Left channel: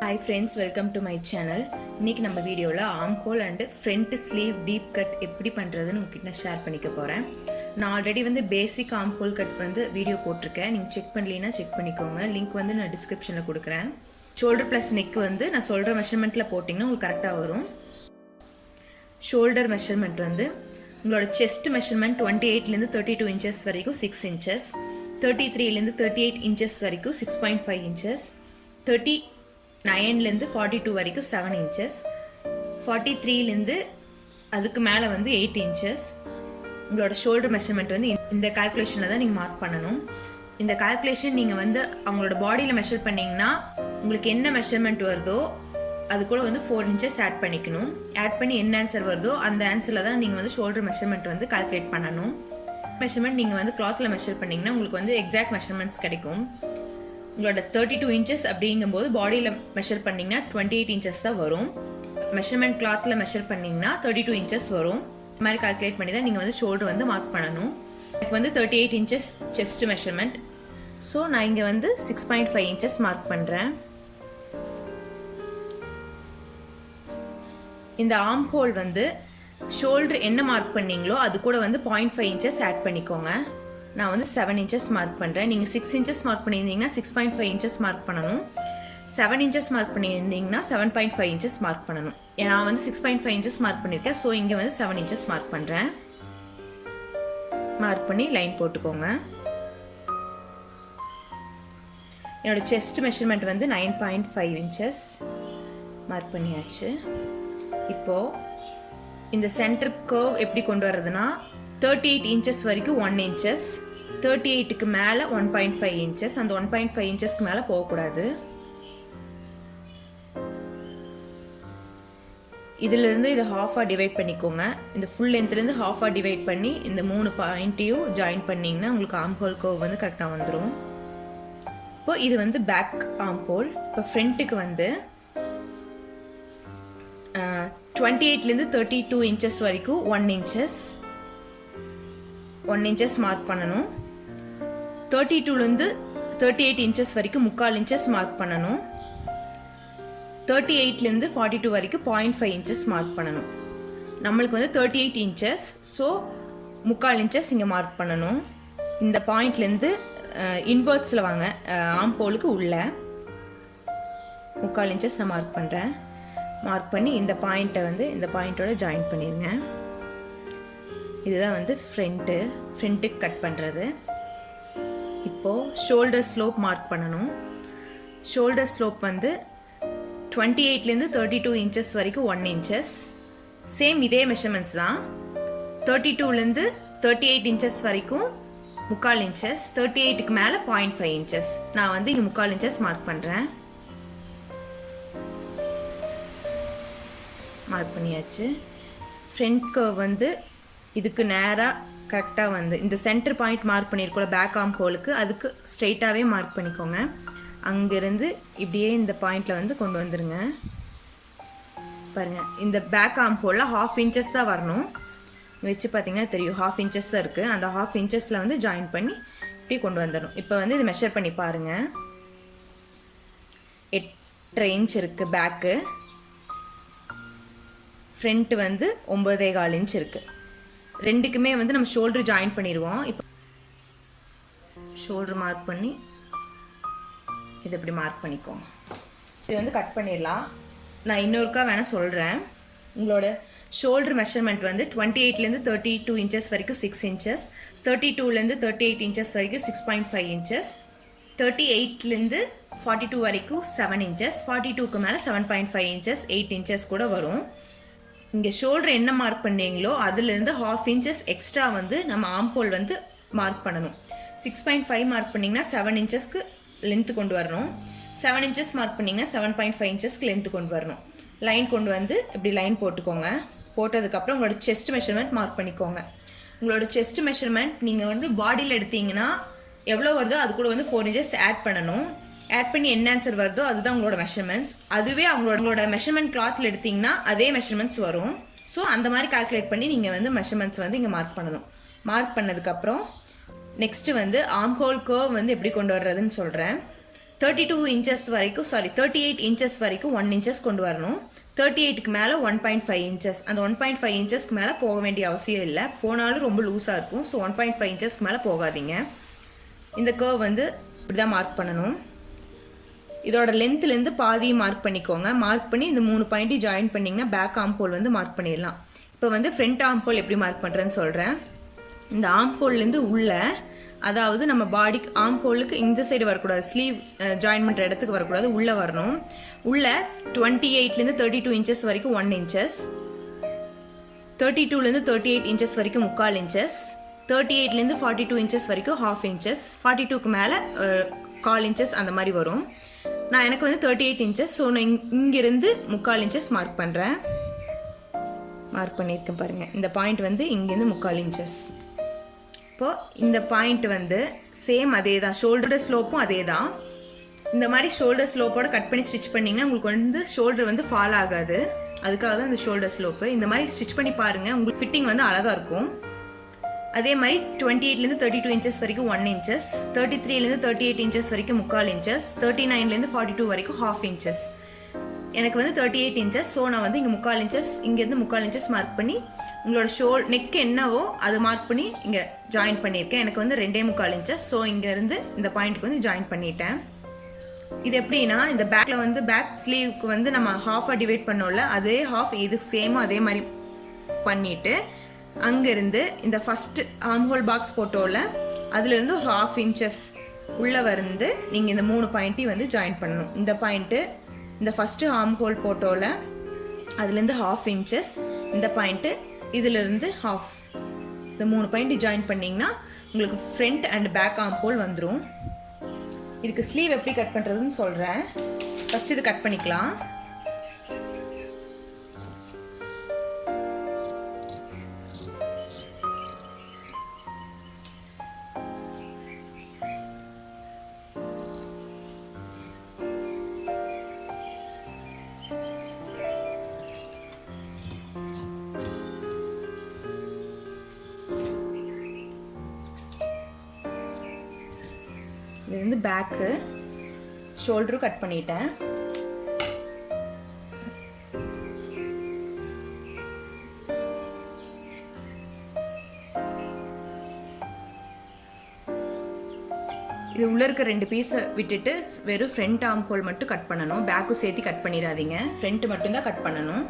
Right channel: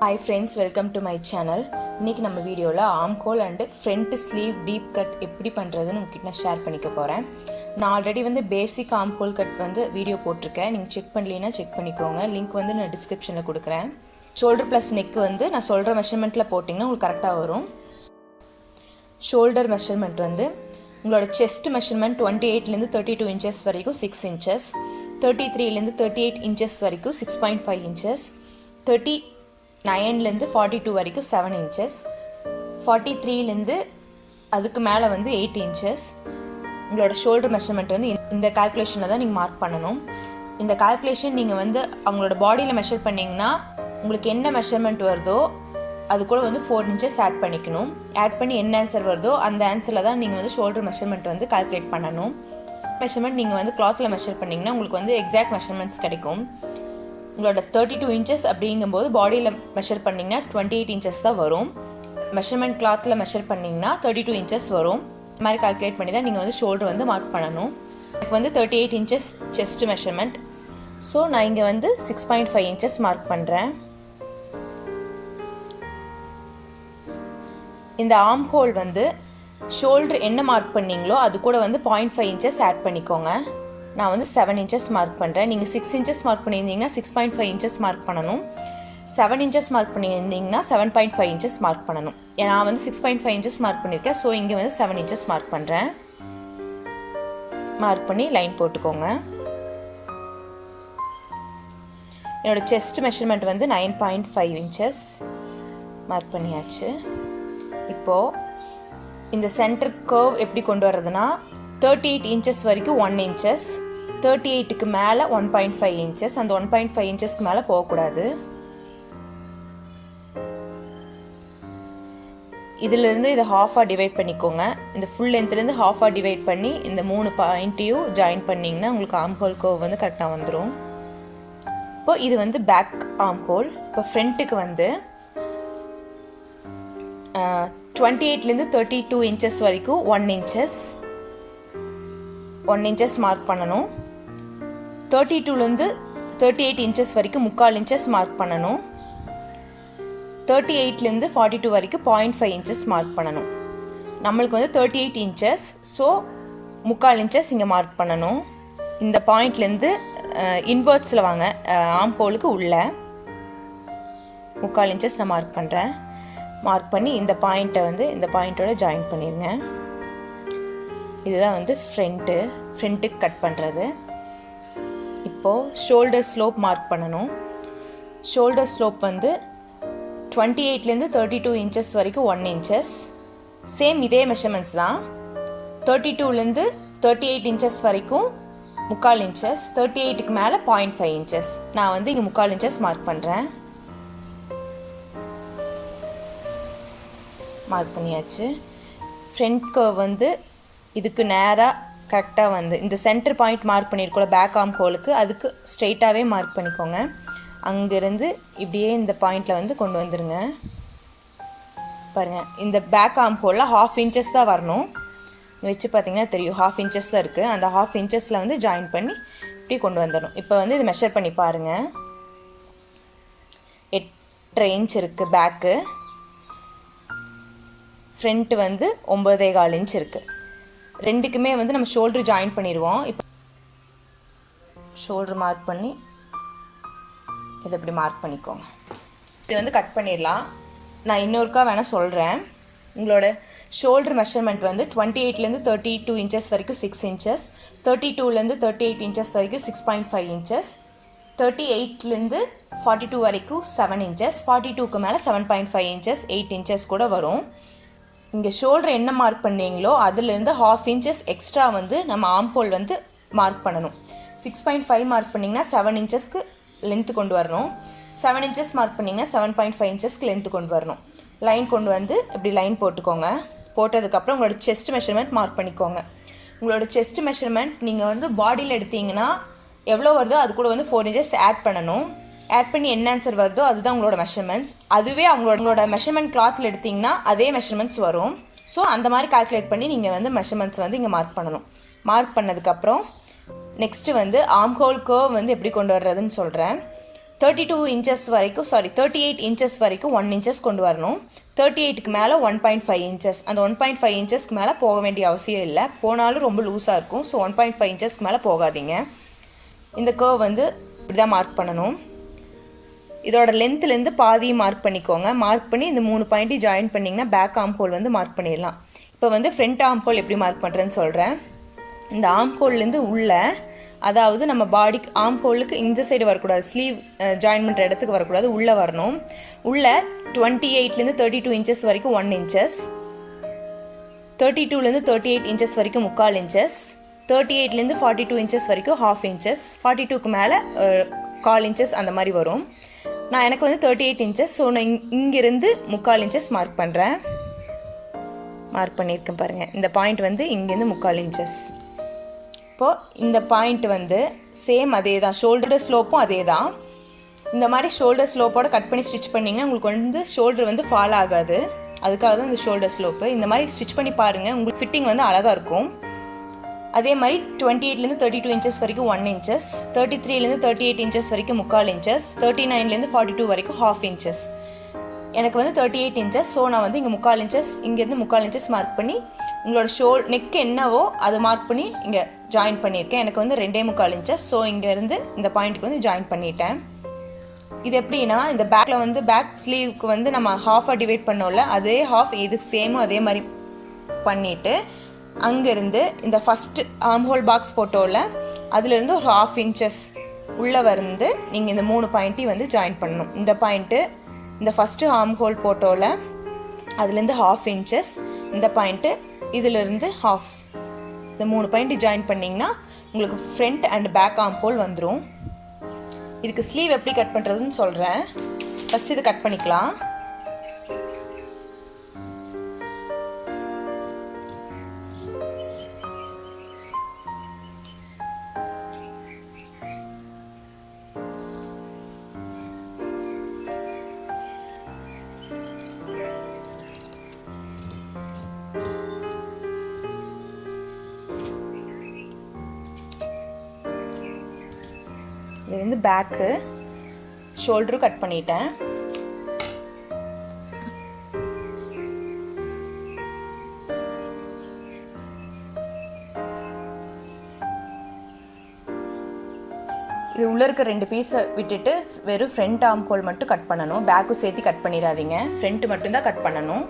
Hi friends, welcome to my channel. இன்னைக்கு நம்ம வீடியோவில் arm whole and front sleeve deep cut எப்படி பண்ணுறதுன்னு உங்ககிட்ட நான் ஷேர் பண்ணிக்க போகிறேன். நான் ஆல்ரெடி பேசிக் ஆர்ம் ஹோல் கட் வீடியோ போட்டிருக்கேன். நீங்கள் செக் பண்ணலீன்னா செக் பண்ணிக்கோங்க. லிங்க் நான் டிஸ்கிரிப்ஷனில் கொடுக்குறேன். ஷோல்டர் ப்ளஸ் நெக் நான் சொல்கிற மெஷர்மெண்ட்டில் போட்டிங்கன்னா உங்களுக்கு கரெக்டாக வரும். ஷோல்டர் மெஷர்மெண்ட் உங்களோட செஸ்ட் மெஷர்மெண்ட் 28லேருந்து 32 இன்ச்சஸ் வரைக்கும் 6 இன்ச்சஸ், 33லேருந்து 38 இன்ச்சஸ் வரைக்கும் 6.5 இன்ச்சஸ், 39லேருந்து 42 வரைக்கும் 7 இன்ச்சஸ், 43லேருந்து அதுக்கு மேலே 8 இன்ச்சஸ். உங்களோட ஷோல்டர் மெஷர்மெண்ட் இந்த கால்குலேஷனில் தான் நீங்கள் மார்க் பண்ணணும். இந்த கால்குலேஷன் நீங்கள் அவங்களோட பாடியில் மெஷர் பண்ணிங்கன்னா உங்களுக்கு என்ன மெஷர்மெண்ட் வருதோ அது கூட 4 இன்ச்சஸ் ஆட் பண்ணிக்கணும். ஆட் பண்ணி என்ன ஆன்சர் வருதோ அந்த ஆன்சரில் தான் நீங்கள் ஷோல்டர் மெஷர்மெண்ட் கால்குலேட் பண்ணணும். மெஷர்மெண்ட் நீங்கள் கிளாத்தில் மெஷர் பண்ணிங்கன்னா உங்களுக்கு எக்ஸாக்ட் மெஷர்மெண்ட்ஸ் கிடைக்கும். உங்களோட 32 இன்ச்சஸ் அப்படிங்கும்போது பாடியில் மெஷர் பண்ணிங்கன்னா 28 இன்ச்சஸ் தான் வரும். மெஷர்மெண்ட் கிளாத்தில் மெஷர் பண்ணிங்கன்னா 32 இன்ச்சஸ் வரும். இந்த மாதிரி கால்குலேட் பண்ணி தான் நீங்கள் ஷோல்டர் மார்க் பண்ணணும். எனக்கு 38 இன்ச்சஸ் செஸ்ட் மெஷர்மெண்ட். ஸோ நான் இங்கே 6.5 இன்ச்சஸ் மார்க் பண்ணுறேன். இந்த ஆர்ம் ஹோல் ஷோல்டர் என்ன மார்க் பண்ணீங்களோ அது கூட 0.5 இன்ச்சஸ் ஆட் பண்ணிக்கோங்க. நான் 7 இன்ச்சஸ் மார்க் பண்ணுறேன். நீங்கள் 6 இன்ச்சஸ் மார்க் பண்ணியிருந்தீங்கன்னா 6.5 இன்ச்சஸ் மார்க் பண்ணணும். 7 இன்ச்சஸ் மார்க் பண்ணியிருந்தீங்கன்னா 7.5 இன்ச்சஸ் மார்க் பண்ணணும். நான் 6.5 இன்ச்சஸ் மார்க் பண்ணியிருக்கேன். ஸோ இங்கே 7 இன்ச்சஸ் மார்க் பண்ணுறேன். மார்க் பண்ணி லைன் போட்டுக்கோங்க. என்னோட செஸ்ட் மெஷர்மெண்ட் 9.5 இன்ச்சஸ் மார்க் பண்ணியாச்சு. இப்போது இந்த சென்டர் கர்வ் எப்படி கொண்டு வர்றதுன்னா 38 இன்ச்சஸ் வரைக்கும் 1 இன்ச்சஸ், 38க்கு மேலே 1.5 இன்ச்சஸ், அந்த 1.5 இன்ச்சஸ்க்கு மேலே போகக்கூடாது. இதிலிருந்து இதை ஹாஃபாக டிவைட் பண்ணிக்கோங்க. இந்த ஃபுல் லென்த்லேருந்து ஹாஃபாக டிவைட் பண்ணி இந்த 3 பாயிண்ட்டையும் ஜாயின் பண்ணிங்கன்னா உங்களுக்கு ஆர்ம் ஹோல் கர்வ் கரெக்டாக வந்துடும். இப்போது இது பேக் ஆர்ம் ஹோல். இப்போ ஃப்ரண்ட்டுக்கு 28லேருந்து 32 இன்ச்சஸ் வரைக்கும் 1 இன்ச்சஸ் மார்க் பண்ணணும். 32லேருந்து 38 இன்ச்சஸ் வரைக்கும் 3/4 இன்ச்சஸ் மார்க் பண்ணணும். 38லேருந்து 42 வரைக்கும் 0.5 இன்ச்சஸ் மார்க் பண்ணணும். நம்மளுக்கு 38 இன்ச்சஸ், ஸோ 3/4 இன்ச்சஸ் இங்கே மார்க் பண்ணணும். இந்த பாயிண்ட்லேருந்து இன்வெர்ட்ஸில் வாங்க, ஆர்ம் ஹோலுக்கு உள்ள 3/4 இன்ச்சஸ் நான் மார்க் பண்ணுறேன். மார்க் பண்ணி இந்த பாயிண்ட்டை இந்த பாயிண்ட்டோட ஜாயின் பண்ணிடுங்க. இதுதான் ஃப்ரண்ட்டுக்கு கட் பண்ணுறது. இப்போது ஷோல்டர் ஸ்லோப் மார்க் பண்ணணும். ஷோல்டர் ஸ்லோப் 28லேருந்து 32 இன்ச்சஸ் வரைக்கும் 1 இன்ச்சஸ். சேம் இதே மெஷர்மெண்ட்ஸ் தான். 32லேருந்து 38 இன்ச்சஸ் வரைக்கும் 3/4 இன்ச்சஸ், 38க்கு மேலே 0.5 இன்ச்சஸ். நான் இங்கே 3/4 இன்ச்சஸ் மார்க் பண்ணுறேன். மார்க் பண்ணியாச்சு. ஃப்ரண்ட் கர்வ் இதுக்கு நேராக கரெக்டாக இந்த சென்டர் பாயிண்ட் மார்க் பண்ணியிருக்கோம் பேக் ஆர்ம் ஹோலுக்கு, அதுக்கு ஸ்ட்ரெயிட்டாகவே மார்க் பண்ணிக்கோங்க. அங்கேருந்து இப்படியே இந்த பாயிண்டில் கொண்டு வந்துடுங்க. பாருங்கள், இந்த பேக் ஆர்ம் ஹோலில் 1/2 இன்ச்சஸ் தான் வரணும். வச்சு பார்த்தீங்கன்னா தெரியும் 1/2 இன்ச்சஸ் தான் இருக்குது. அந்த 1/2 இன்ச்சஸில் ஜாயின் பண்ணி இப்படி கொண்டு வந்துடணும். இப்போ இது மெஷர் பண்ணி பாருங்கள். 8 இன்ச் இருக்குது பேக்கு, ஃப்ரண்ட்டு 9.25 இன்ச் இருக்குது. ரெண்டுக்குமே நம்ம ஷோல்டர் ஜாயின் பண்ணிடுவோம். இப்போ ஷோல்டர் மார்க் பண்ணி இதை இப்படி மார்க் பண்ணிக்கோங்க. இது கட் பண்ணிடலாம். நான் இன்னொருக்கா வேணால் சொல்கிறேன். உங்களோட ஷோல்டர் மெஷர்மெண்ட் 28லேருந்து 32 இன்ச்சஸ் வரைக்கும் 6 இன்ச்சஸ், 32லேருந்து 38 இன்ச்சஸ் வரைக்கும் 6.5 இன்ச்சஸ், 38லேருந்து 42 வரைக்கும் 7 இன்ச்சஸ், 42க்கு மேலே 7.5 இன்ச்சஸ், 8 இன்ச்சஸ் கூட வரும். இங்கே ஷோல்டர் என்ன மார்க் பண்ணீங்களோ அதுலேருந்து 1/2 இன்ச்சஸ் எக்ஸ்ட்ரா நம்ம ஆர்ம் ஹோல் மார்க் பண்ணணும். 6.5 மார்க் பண்ணிங்கன்னா 7 இன்ச்சஸ்க்கு லென்த்து கொண்டு வரணும். 7 இன்ச்சஸ் மார்க் பண்ணிங்கன்னா 7.5 இன்ச்சஸ்க்கு லென்த்து கொண்டு வரணும். லைன் கொண்டு இப்படி லைன் போட்டுக்கோங்க. போட்டதுக்கப்புறம் உங்களோட செஸ்ட் மெஷர்மெண்ட் மார்க் பண்ணிக்கோங்க. உங்களோட செஸ்ட் மெஷர்மெண்ட் நீங்கள் பாடியில் எடுத்தீங்கன்னா எவ்வளோ வருதோ அது கூட 4 இன்ச்சஸ் ஆட் பண்ணணும். ஆட் பண்ணி என்ன ஆன்சர் வருதோ அதுதான் உங்களோட மெஷர்மெண்ட்ஸ். அதுவே அவங்களோட மெஷர்மெண்ட் கிளாத்தில் எடுத்திங்கன்னா அதே மெஷர்மெண்ட்ஸ் வரும். ஸோ அந்த மாதிரி கால்குலேட் பண்ணி நீங்கள் மெஷர்மெண்ட்ஸ் இங்கே மார்க் பண்ணணும். மார்க் பண்ணதுக்கப்புறம் நெக்ஸ்ட்டு ஆர்ம் ஹோல் கர்வ் எப்படி கொண்டு வர்றதுன்னு சொல்கிறேன். 32 inches வரைக்கும் 38 inches வரைக்கும் 1 inches கொண்டு வரணும். 38க்கு மேலே 1.5 inches. அந்த 1.5 inchesக்கு மேலே போக வேண்டிய அவசியம் இல்லை. போனாலும் ரொம்ப லூஸாக இருக்கும். ஸோ 1.5 inchesக்கு மேலே போகாதீங்க. இந்த கர்வ் வந்து இப்படி தான் மார்க் பண்ணணும். இதோட லென்த்லேருந்து பாதி மார்க் பண்ணிக்கோங்க. மார்க் பண்ணி இந்த 3 பாயிண்ட்டையும் ஜாயின் பண்ணிங்கன்னா பேக் ஆர்ம் ஹோல் வந்து மார்க் பண்ணிடலாம். இப்போ வந்து ஃப்ரண்ட் ஆர்ம் ஹோல் எப்படி மார்க் பண்ணுறேன்னு சொல்கிறேன். இந்த ஆர்ம் ஹோல்லேருந்து உள்ள, அதாவது நம்ம பாடிக்கு ஆர்ம் ஹோலுக்கு இந்த சைடு வரக்கூடாது, ஸ்லீவ் ஜாயின் பண்ணுற இடத்துக்கு வரக்கூடாது, உள்ளே வரணும். உள்ள 28லேருந்து 32 inches வரைக்கும் 1 inches, 32லேருந்து 38 inches வரைக்கும் 3/4 inches, 38லேருந்து 42 inches வரைக்கும் 1/2 inches, 42க்கு மேலே 1/4 inches அந்த மாதிரி வரும். நான் எனக்கு வந்து 38 inches, ஸோ நான் இங்கிருந்து 3/4 inches மார்க் பண்ணுறேன். மார்க் பண்ணியிருக்கேன் பாருங்கள். இந்த பாயிண்ட் வந்து இங்கேருந்து 3/4 inches. இப்போது இந்த பாயிண்ட் வந்து சேம் அதே தான், ஷோல்டரோட ஸ்லோப்பும் அதே தான். இந்த மாதிரி ஷோல்டர் ஸ்லோப்போட கட் பண்ணி ஸ்டிச் பண்ணிங்கன்னா உங்களுக்கு வந்து ஷோல்டர் வந்து ஃபால் ஆகாது. அதுக்காக தான் இந்த ஷோல்டர் ஸ்லோப்பு. இந்த மாதிரி ஸ்டிச் பண்ணி பாருங்கள், உங்களுக்கு ஃபிட்டிங் வந்து அழகாக இருக்கும். அதே மாதிரி 28லேருந்து 32 inches வரைக்கும் 1 inches, 33லேருந்து 38 inches வரைக்கும் 3/4 inches, 39லேருந்து 42 வரைக்கும் 1/2 inches. எனக்கு வந்து 38 inches, ஸோ நான் வந்து இங்கே 3/4 inches, இங்கேருந்து 3/4 inches மார்க் பண்ணி உங்களோட நெக் என்னவோ அதை மார்க் பண்ணி இங்கே ஜாயின் பண்ணியிருக்கேன். எனக்கு வந்து 2.25 inches, ஸோ இங்கேருந்து இந்த பாயிண்ட்டுக்கு வந்து ஜாயின் பண்ணிட்டேன். இது எப்படின்னா, இந்த பேக்கில் வந்து பேக் ஸ்லீவுக்கு வந்து நம்ம ஹாஃபாக டிவைட் பண்ணோம்ல, அதே ஹாஃப் இதுக்கு சேமும் அதே மாதிரி பண்ணிவிட்டு அங்கேருந்து இந்த ஃபஸ்ட்டு ஆர்ம் ஹோல் பாக்ஸ் ஃபோட்டோவில் அதுலேருந்து ஒரு 1/2 inches உள்ளே வந்து நீங்கள் இந்த 3 பாயிண்ட்டையும் வந்து ஜாயின் பண்ணணும். இந்த பாயிண்ட்டு இந்த ஃபஸ்ட்டு ஆர்ம் ஹோல் ஃபோட்டோவில் அதுலேருந்து 1/2 inches, இந்த பாயிண்ட்டு இதிலிருந்து 1/2, இந்த 3 பாயிண்ட்டு ஜாயின் பண்ணிங்கன்னா உங்களுக்கு front and back arm hole வந்துடும். இதுக்கு ஸ்லீவ் எப்படி கட் பண்ணுறதுன்னு சொல்கிறேன். ஃபஸ்ட் இது கட் பண்ணிக்கலாம். இது வந்து பேக்கு, ஷோல்டரும் கட் பண்ணிட்டேன். இது உள்ளே இருக்க 2 பீஸை விட்டுட்டு வெறும் ஃப்ரண்ட் ஆர்ம் ஹோல் மட்டும் கட் பண்ணணும். பேக்கும் சேர்த்து கட் பண்ணிடாதீங்க, ஃப்ரண்ட் மட்டும்தான் கட் பண்ணணும்.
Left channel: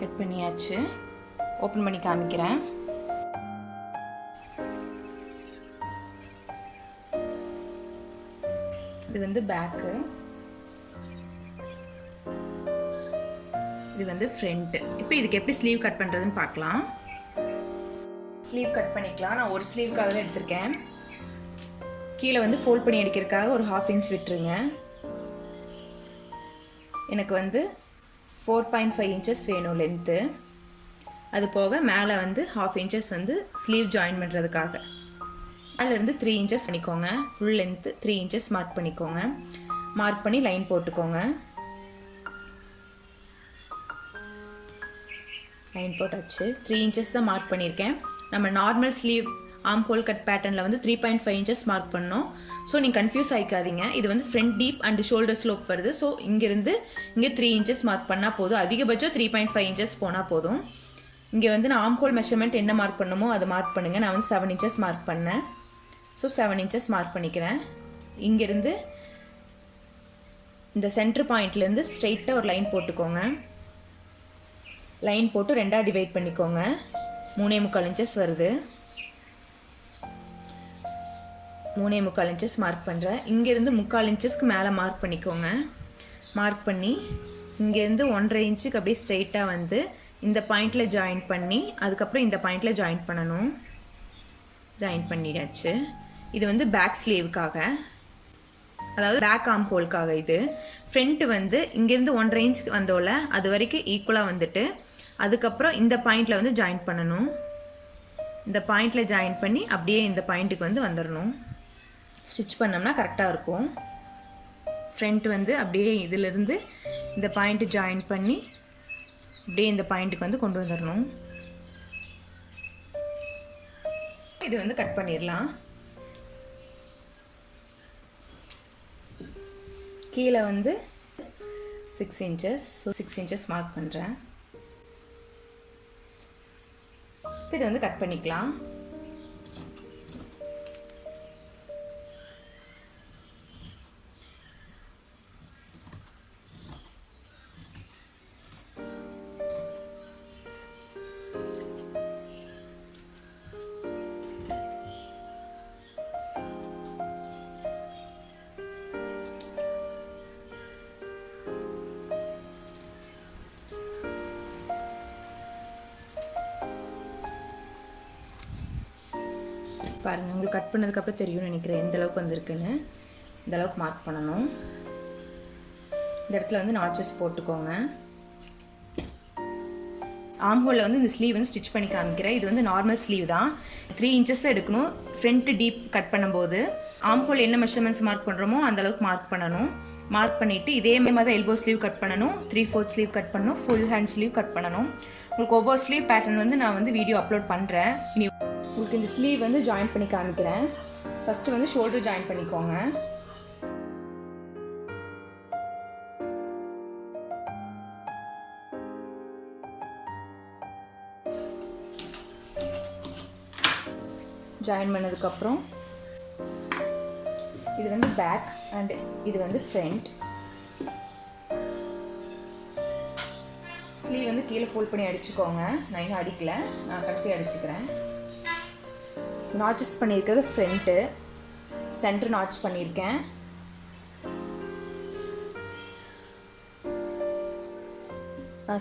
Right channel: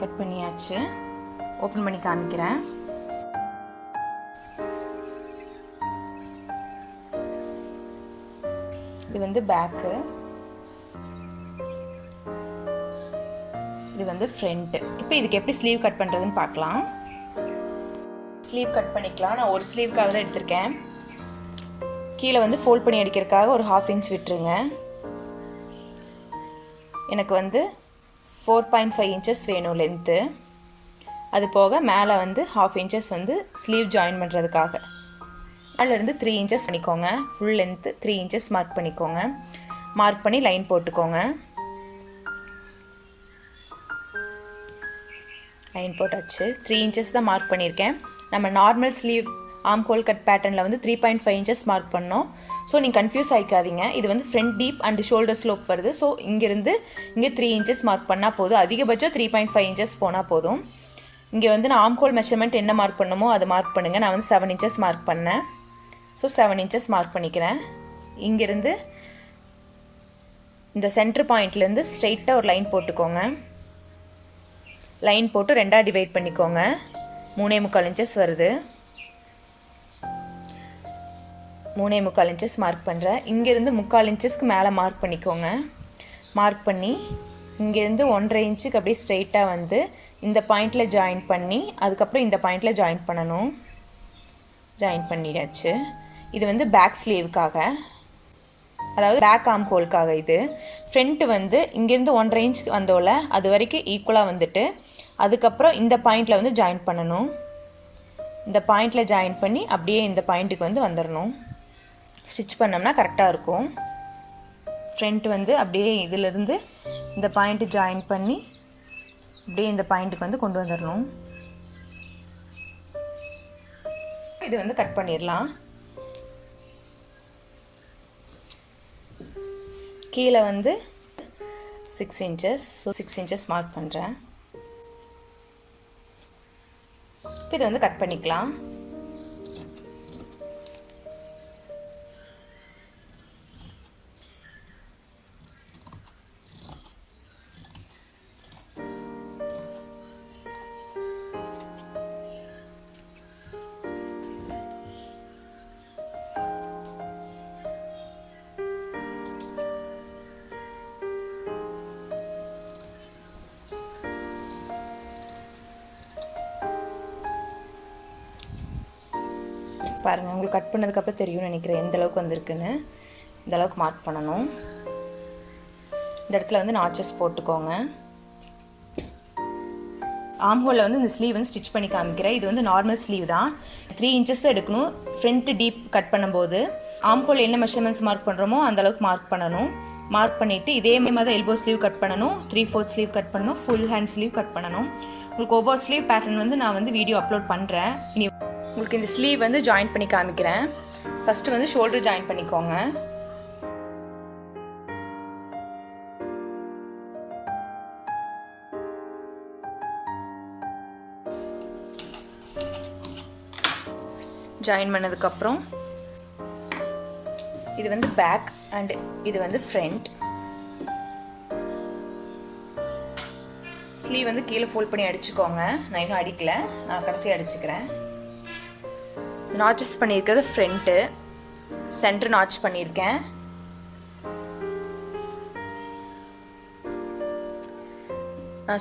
கட் பண்ணியாச்சு. ஓப்பன் பண்ணி காமிக்கிறேன். இது வந்து பேக்கு, இது வந்து ஃப்ரண்ட். இப்போ இதுக்கு எப்படி ஸ்லீவ் கட் பண்ணுறதுன்னு பார்க்கலாம். ஸ்லீவ் கட் பண்ணிக்கலாம். நான் ஒரு ஸ்லீவ்க்காக தான் எடுத்திருக்கேன். கீழே வந்து ஃபோல்ட் பண்ணி அடிக்கிறதுக்காக ஒரு 1/2 inch விட்டுருங்க. எனக்கு வந்து 4.5 inches வேணும் லென்த்து. அது போக மேலே வந்து 1/2 inches வந்து ஸ்லீவ் ஜாயின் பண்ணுறதுக்காக. மேலேருந்து 3 inches பண்ணிக்கோங்க. ஃபுல் லென்த்து 3 inches மார்க் பண்ணிக்கோங்க. மார்க் பண்ணி லைன் போட்டுக்கோங்க. லைன் போட்டாச்சு. 3 inches தான் மார்க் பண்ணியிருக்கேன். நம்ம normal sleeve arm whole cut பேட்டர்னில் வந்து 3.5 inches மார்க் பண்ணோம். ஸோ நீங்கள் கன்ஃபியூஸ் ஆகிக்காதீங்க. இது வந்து front deep and shoulder slope வருது. ஸோ இங்கேருந்து இங்கே 3 inches மார்க் பண்ணால் போதும். அதிகபட்சம் 3.5 inches போனால் போதும். இங்கே வந்து நான் ஆர்ம் ஹோல் மெஷர்மெண்ட் என்ன மார்க் பண்ணுமோ அதை மார்க் பண்ணுங்கள். நான் வந்து 7 inches மார்க் பண்ணேன். ஸோ 7 inches மார்க் பண்ணிக்கிறேன். இங்கேருந்து இந்த சென்டர் பாயிண்ட்லேருந்து ஸ்ட்ரெயிட்டாக ஒரு லைன் போட்டுக்கோங்க. லைன் போட்டு 2ஆக டிவைட் பண்ணிக்கோங்க. 3.25 inches வருது. 3.25 inches மார்க் பண்ணுறேன். இங்கேருந்து 3/4 inchesக்கு மேலே மார்க் பண்ணிக்கோங்க. மார்க் பண்ணி இங்கேருந்து 1.5 inchக்கு அப்படியே ஸ்ட்ரெயிட்டாக வந்து இந்த பாயிண்டில் ஜாயின் பண்ணி அதுக்கப்புறம் இந்த பாயிண்டில் ஜாயின் பண்ணணும். ஜாயின் பண்ணிடாச்சு. இது வந்து பேக் ஸ்லீவுக்காக. அதாவது பேக் ஆர்ம் ஹோல்க்காக இது. ஃப்ரண்ட்டு வந்து இங்கேருந்து 1.5 இன்ச் வந்தோல அது வரைக்கும் ஈக்குவலாக வந்துட்டு அதுக்கப்புறம் இந்த பாயிண்டில் வந்து ஜாயின் பண்ணணும். இந்த பாயிண்டில் ஜாயின் பண்ணி அப்படியே இந்த பாயிண்ட்டுக்கு வந்து வந்துடணும். ஸ்டிச் பண்ணோம்னா கரெக்டாக இருக்கும். ஃப்ரண்ட் வந்து அப்படியே இதிலிருந்து இந்த பாயிண்ட்டு ஜாயின் பண்ணி அப்படியே இந்த பாயிண்ட்டுக்கு வந்து கொண்டு வந்துடணும். இது வந்து கட் பண்ணிடலாம். கீழே வந்து 6 inches, ஸோ 6 inches மார்க் பண்ணுறேன். இப்போ இதை வந்து கட் பண்ணிக்கலாம். பாருங்கள், உங்களுக்கு கட் பண்ணதுக்கப்புறம் தெரியும்னு நினைக்கிறேன் எந்த அளவுக்கு வந்திருக்குன்னு. இந்த அளவுக்கு மார்க் பண்ணணும். இந்த இடத்துல வந்து நாச்சஸ் போட்டுக்கோங்க. ஆர்ம் ஹோலில் வந்து இந்த ஸ்லீவ் வந்து ஸ்டிச் பண்ணி காமிக்கிறேன். இது வந்து நார்மல் ஸ்லீவ் தான். 3 inches தான் எடுக்கணும் ஃப்ரண்ட்டு டீப் கட் பண்ணும்போது. ஆர்ம் ஹோல் என்ன மெஷர்மெண்ட்ஸ் மார்க் பண்ணுறோமோ அந்த அளவுக்கு மார்க் பண்ணணும். மார்க் பண்ணிவிட்டு இதே மாதிரி தான் எல்போ ஸ்லீவ் கட் பண்ணணும், 3/4 ஸ்லீவ் கட் பண்ணணும், ஃபுல் ஹேண்ட் ஸ்லீவ் கட் பண்ணணும். உங்களுக்கு ஒவ்வொரு ஸ்லீவ் பேட்டர்ன் வந்து நான் வந்து வீடியோ அப்லோட் பண்ணுறேன். இனி உங்களுக்கு இந்த ஸ்லீவ் வந்து ஜாயின் பண்ணி காமிக்கிறேன். ஃபஸ்ட்டு வந்து ஷோல்டர் ஜாயின் பண்ணிக்கோங்க. ஜாயின் பண்ணதுக்கப்புறம் இது வந்து பேக் அண்ட் இது வந்து ஃப்ரண்ட். ஸ்லீவ் வந்து கீழே ஃபோல்ட் பண்ணி அடிச்சுக்கோங்க. நான் இன்னும் அடிக்கல, நான் கடைசியாக அடிச்சுக்கிறேன். நாச்சஸ் பண்ணியிருக்கிறது ஃப்ரண்ட்டு, சென்டர் நாச் பண்ணியிருக்கேன்.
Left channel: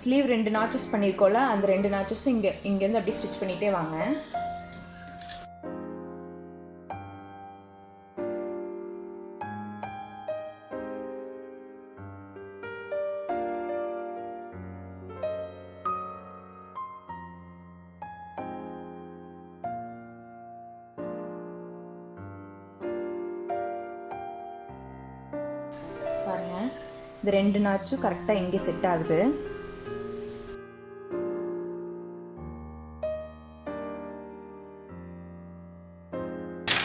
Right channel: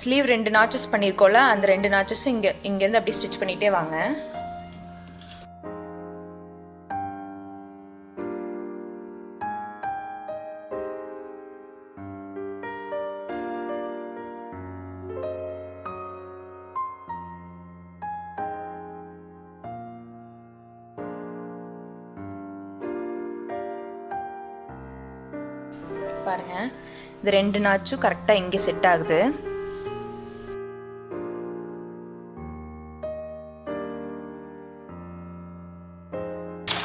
ஸ்லீவ் 2 நாச்சஸ் பண்ணியிருக்கோம்ல, அந்த 2 நாச்சஸும் இங்கேருந்து அப்படியே ஸ்டிச் பண்ணிகிட்டே வாங்க. பாருங்க, இந்த 2 நாச்சும் கரெக்டாக இங்கே செட் ஆகுது.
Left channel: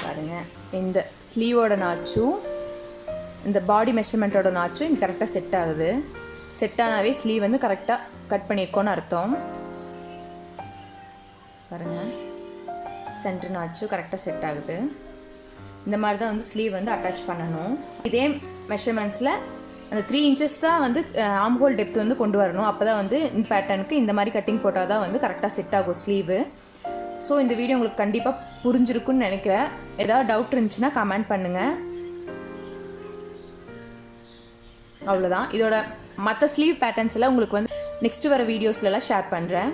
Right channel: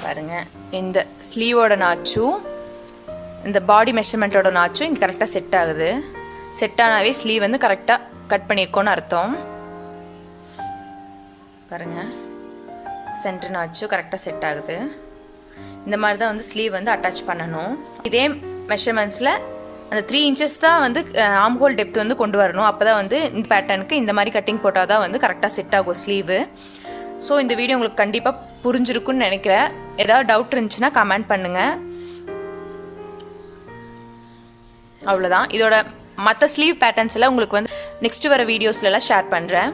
பாருங்க, இந்த ஸ்லீவோட நாச்சும் இந்த பாடி மெஷர்மெண்ட்டோட நாச்சும் இங்கே கரெக்டாக செட் ஆகுது. செட் ஆனாவே ஸ்லீவ் வந்து கரெக்டாக கட் பண்ணியிருக்கோன்னு அர்த்தம். பாருங்க, சென்டர் நாச்சும் கரெக்டாக செட் ஆகுது. இந்த மாதிரி தான் வந்து ஸ்லீவ் வந்து அட்டாச் பண்ணணும். இதே மெஷர்மெண்ட்ஸில் அந்த 3 inches தான் வந்து ஆர்ம் ஹோல் டெப்த் வந்து கொண்டு வரணும். அப்போ தான் வந்து இந்த பேட்டர்னுக்கு இந்த மாதிரி கட்டிங் போட்டால் தான் வந்து கரெக்டாக செட் ஆகும் ஸ்லீவு. ஸோ இந்த வீடியோ உங்களுக்கு கண்டிப்பாக புரிஞ்சிருக்குன்னு நினைக்கிறேன். ஏதாவது டவுட் இருந்துச்சுன்னா கமெண்ட் பண்ணுங்கள். அவ்வளோதான். இதோட மற்ற ஸ்லீவ் பேட்டர்ன்ஸ் எல்லாம் உங்களுக்கு வந்து நெக்ஸ்ட் வர வீடியோஸ்லாம் ஷேர் பண்ணுறேன்.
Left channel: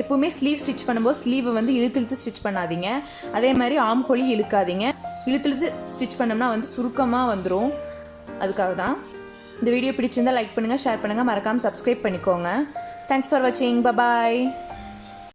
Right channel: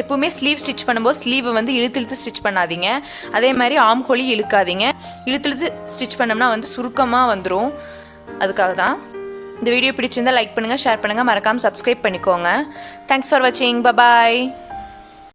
எப்பவுமே ஸ்லீவ் ஸ்டிச் பண்ணும்போது ஸ்லீவை வந்து இழுத்து ஸ்டிச் பண்ணாதீங்க. அதே மாதிரி ஆர்ம் ஹோலையும் இழுக்காதீங்க. இழுத்து ஸ்டிச் பண்ணோம்னா வந்து சுருக்கமாக வந்துடும். அதுக்காக தான். இந்த வீடியோ பிடிச்சிருந்தால் லைக் பண்ணுங்கள், ஷேர் பண்ணுங்கள், மறக்காமல் சப்ஸ்கிரைப் பண்ணிக்கோங்க. தேங்க்ஸ் ஃபார் வாட்சிங். பாய்.